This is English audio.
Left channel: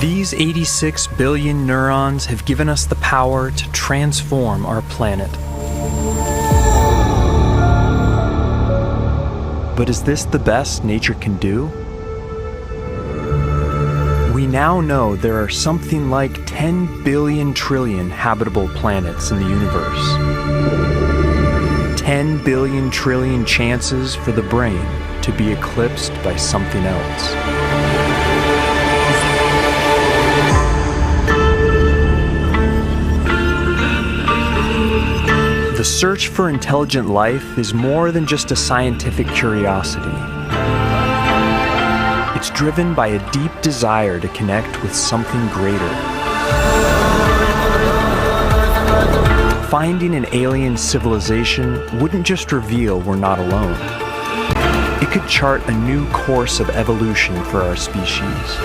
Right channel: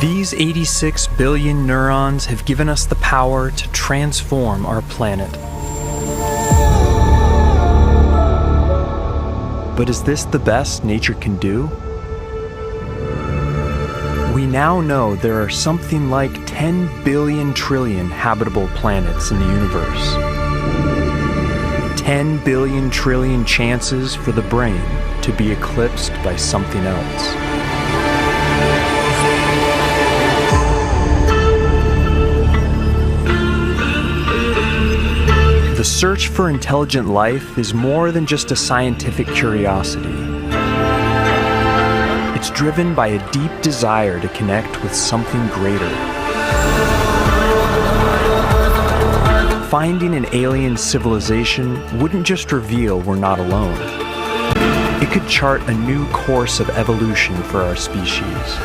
These 86 billion neurons have given us the power to transform our planet. But is this the best nature can do? We now know there are something like 10 billion trillion habitable planets in the universe. 10 billion trillion chances for the brain to be eclipsed by something else. The search for intelligent life is more than just a scientific curiosity. It's driven by a deep desire to connect with something greater. Finding an alien civilization wouldn't just reveal we're not alone. It could chart a new course of evolution for our species.